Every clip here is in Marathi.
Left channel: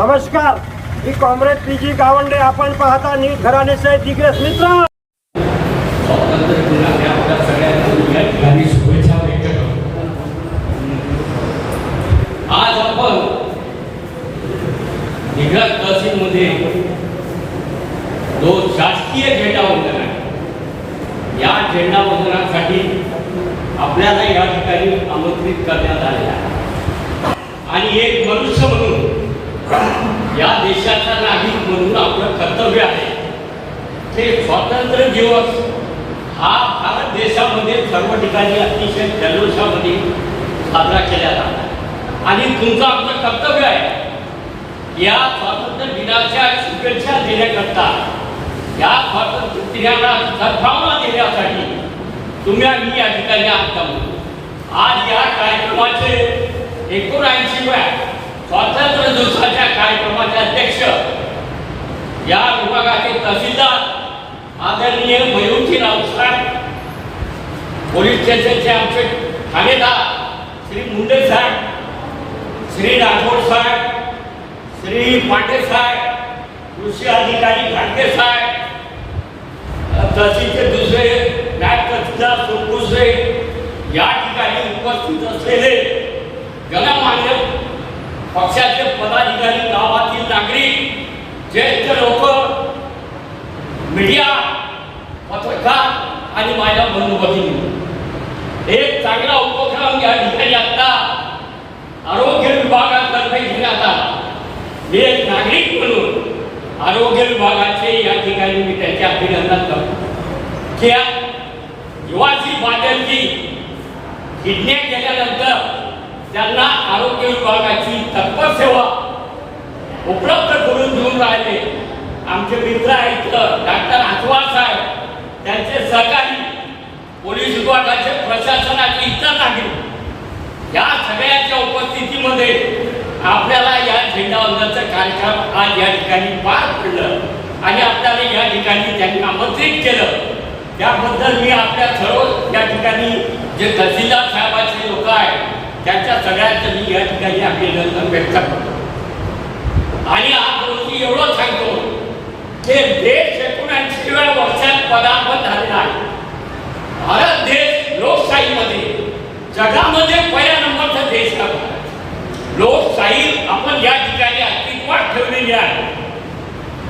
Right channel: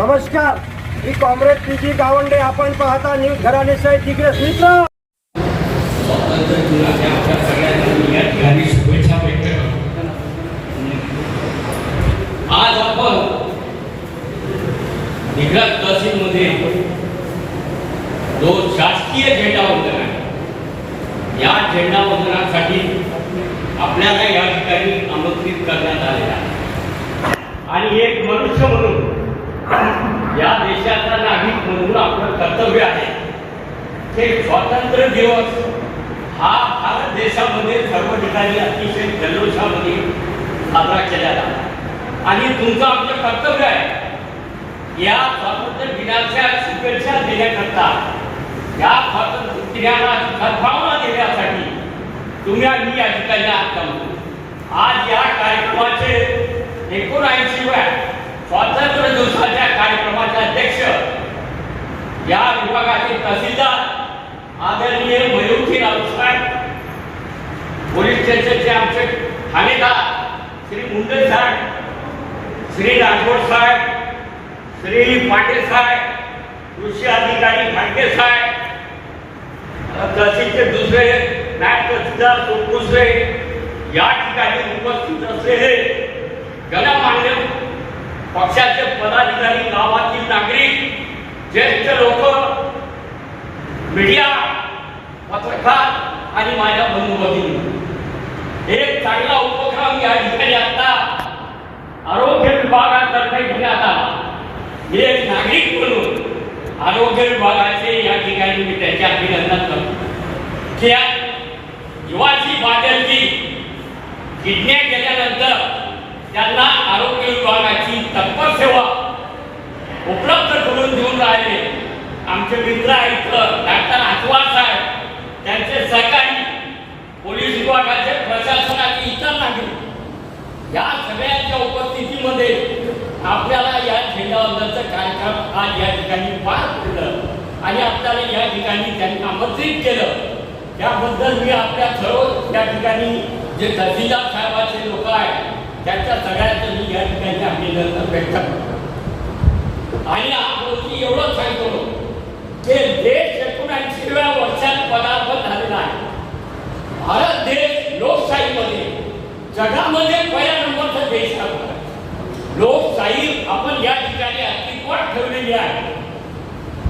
नमस्कार. मी कॉम्रेड पी जी गावंडे. आपण पाहता न्यूज घराणेचे दिग्रस मित्र. आज आपण गुजरात तहसील मध्ये दोन शासकीय झेंडा वंदन आहे. या झेंडा वंदनासाठी आपल्याला या ठिकाणी आमंत्रित करण्यात आले आहे. आणि एक मनुष्य म्हणून या देशाचा नागरिक म्हणून आपलं कर्तव्य आहे. ते स्वातंत्र्य दिवस हा भारत देशामध्ये सर्व ठिकाणी अतिशय जल्लोषामध्ये साजरा केला जातो. आणि तुमचं आपलं कर्तव्य आहे. या स्वातंत्र्य दिनाच्या शुभेच्छा देण्याकरता या स्वातंत्र्य दिनाला सद्भावना देण्यासाठी तुम्ही आम्ही या ठिकाणी आज आज या कार्यक्रमाचे एकोणऐंशी स्वातंत्र्य दिवसाच्या कार्यक्रमाचे अध्यक्ष या विभागाचे तहसीलदार आदरणीय मयूरजी साहेब पोलीस स्टेशनचे आमचे ठाणेदार श्री मुंडे साहेब श्री राठोड साहेब श्री पाटे साहेब कृषी अधिकारी घाटगे साहेब तहसीलचे दुसरे नायब तहसीलदार सोनकुसरे या ठिकाणी उपस्थित असलेले गणमान्य पक्षाचे पदाधिकारी गावातील नागरिक ज्येष्ठ लोक मीडिया पत्रकार आणि माझ्या बंधू भगिनी एक चांगला उपक्रम या ठिकाणी आता आरोग्य विभागातर्फे घेण्यात आला. मी एक नागरिक म्हणून आरोग्य विभागाचे या ठिकाणी मी त्याचे अभिनंदन करतो. की युवाची बादलची किडण्या गेल्यानंतर त्यांना आरोग्य विभागाची तत्पर सेवा उपलब्ध करून देऊन राहिले. आमचे मित्र आहेत डॉक्टर आसवाल साहेब. त्यांचे सहकारी पोलीस विभागाचे प्रशासनाचे इतर नागरिक. या सगळ्यांच्या उपस्थितीमध्ये आपल्याला या झेंडावंदनचं कार्यक्रम आज या ठिकाणी पार पडलं आणि आपल्याला या ठिकाणी त्यांनी आमंत्रित केलं. त्याबद्दल मी आपल्या सर्व या ठिकाणी जे तहसीलदार साहेबाचे लोक आहेत त्यांच्या सगळ्यांचं मी या ठिकाणी अभिनंदन व्यक्त करतो. आणि आज मी एवढं सांगतो की देश एकोणऐंशीव्या वर्षात पदार्पण झालेला आहे. भारत देश लोकशाहीमध्ये जगामध्ये पहिल्या नंबरचा देश आहे. लोकशाही आपण या ठिकाणी अस्तित्वात ठेवलेली आहे.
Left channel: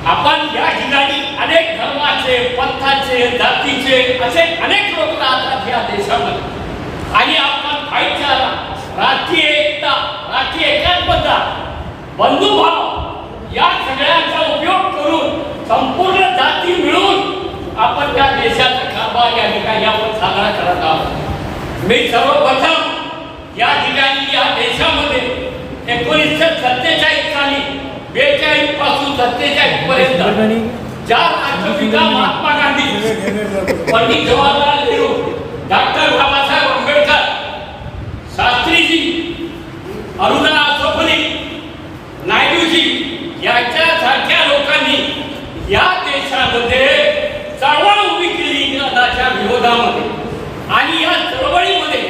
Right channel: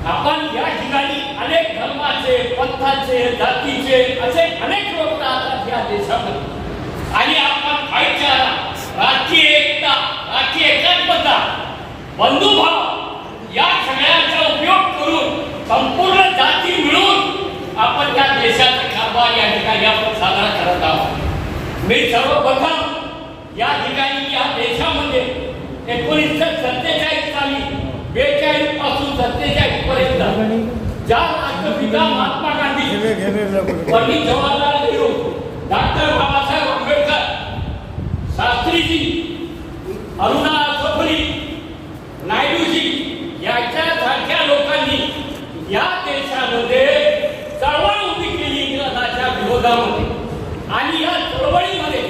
आपण या ठिकाणी अनेक धर्माचे पंथाचे जातीचे असे अनेक लोक राहतात या देशामध्ये. आणि आपण भाईचारा राष्ट्रीय एकता राष्ट्रीय एकात्मता बंधुभाव या सगळ्यांचा उपयोग करून संपूर्ण जाती मिळून आपण या देशाचा कारभार या ठिकाणी आपण साजरा करत आहोत. मी सर्वप्रथम या ठिकाणी या देशामध्ये एकोणीसशे सत्तेचाळीस साली बेचाळीसपासून सत्तेचाळीस पर्यंत ज्या राष्ट्रपिता महात्मा गांधी पंडित जवाहरलाल नेहरू डॉक्टर बाबासाहेब आंबेडकर शास्त्रीजी अरुणा आसोफली नायडूजी यांच्यासारख्या लोकांनी या देशामध्ये चळवळ उभी केली इंग्रजाच्या विरोधामध्ये. आणि या चळवळीमध्ये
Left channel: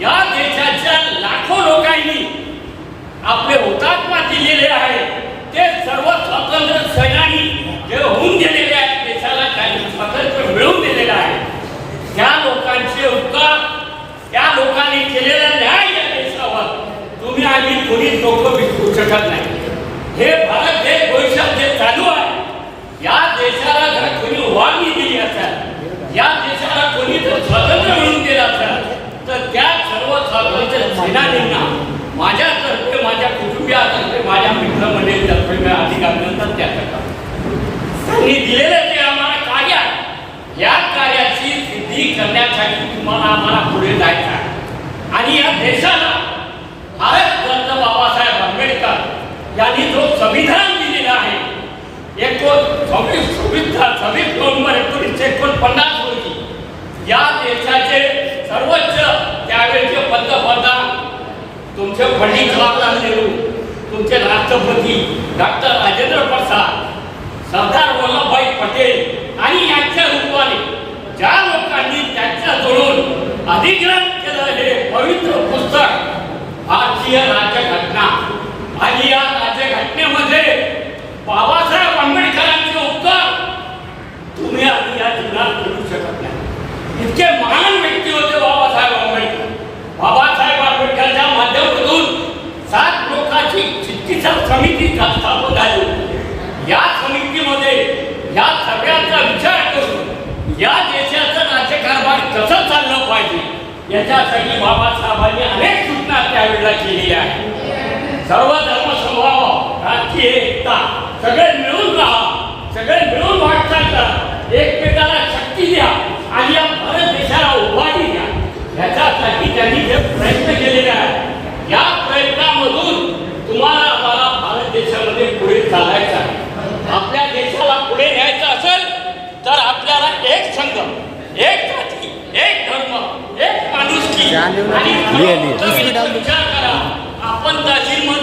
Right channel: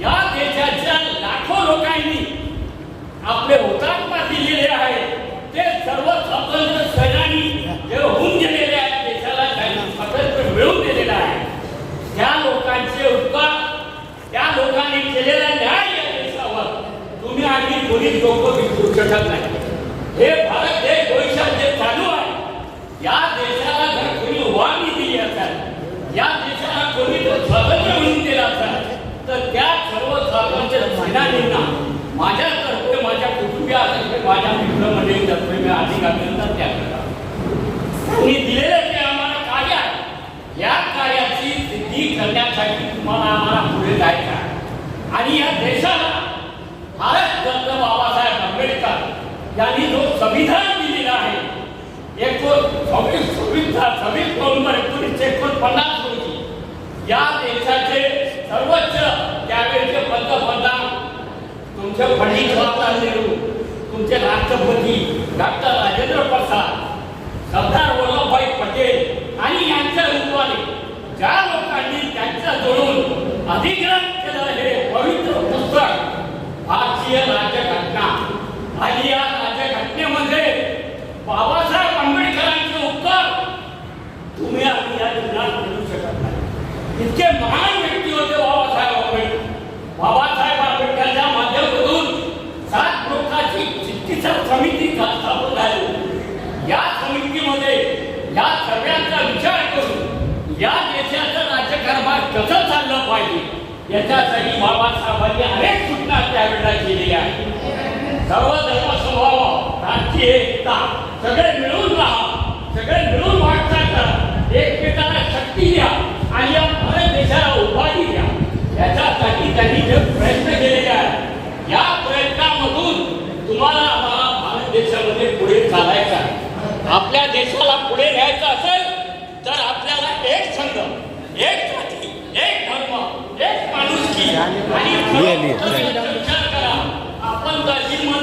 या देशाच्या लाखो लोकांनी आपले हुतात्मा दिलेले आहे. ते सर्व स्वातंत्र्य सैनानी जे होऊन गेले आहेत देशाला काही स्वातंत्र्य मिळवून दिलेलं आहे त्या लोकांचे उपकार त्या लोकांनी केलेला न्याय या देशावर तुम्ही आणि कोणीच लोक विसरू शकत नाही हे भारत देश भविष्यात जे चालू आहे या देशाला जर कोणी वागणी दिली असेल. या देशाला कोणी जर स्वातंत्र्य मिळून दिलं असेल. तर त्या सर्व स्वातंत्र्य सेनानींना माझ्यातर्फे माझ्या कुटुंबियातर्फे माझ्या मित्रमंडळीतर्फे मी अधिक अभिनंदन त्या करतो. त्यांनी दिलेलं ते आम्हाला कार्य आहे या कार्याची सिद्धी करण्यासाठी तुम्हाला आम्हाला पुढे जायचं आहे. आणि या देशाला भारत बाबासाहेब आंबेडकर यांनी जो संविधान दिलेला आहे एको सव्वीस सव्वीस सव्वीस नोव्हेंबर एकोणीसशे एकोणपन्नास रोजी या देशाचे सर्वोच्च त्यावेळेचे पंतप्रधान तुमचे पंडित जवाहरलाल नेहरू तुमचे राष्ट्रपती डॉक्टर राजेंद्र प्रसाद सरदार वल्लभभाई पटेल आणि यांच्या रूपाने ज्या लोकांनी त्यांच्या जोडून अधिग्रहण केलं हे पवित्र पुस्तक भारतीय राज्यघटना आणि या राज्य घटनेमध्ये बाबासाहेब आंबेडकरांचे उपकार तुम्ही आम्ही या जीवनात करू शकत नाही इतके महान व्यक्ती होते बाबासाहेब आंबेडकर. बाबासाहेब आंबेडकरच्या माध्यमातून सात लोकांची चिकित्सा समिती स्थापन झाली. या समितीमध्ये या सगळ्यांचा विचार करून या देशाचं राज्यकारभार कसं चाललं पाहिजे याच्यासाठी बाबासाहेबांनी अनेक सूचना त्यावेळेला केलेल्या आहेत. सर्व धर्म समभाव राजकीय एकता सगळे मिळून राहा सगळे मिळून वाटचाल करा. एकमेकांना शक्ती द्या आणि या भारत देशाला उभारी द्या याच्यासाठी त्यांनी जे प्रयत्न केलेले आहेत या प्रयत्नामधून तुम्हाला आम्हाला भारत देशामध्ये पुढे चालायचं आहे आपल्या देशाला पुढे न्यायचं असेल तर आपल्याला एक संघ एक जाती एक धर्म एक करा आपण तहसीलमध्ये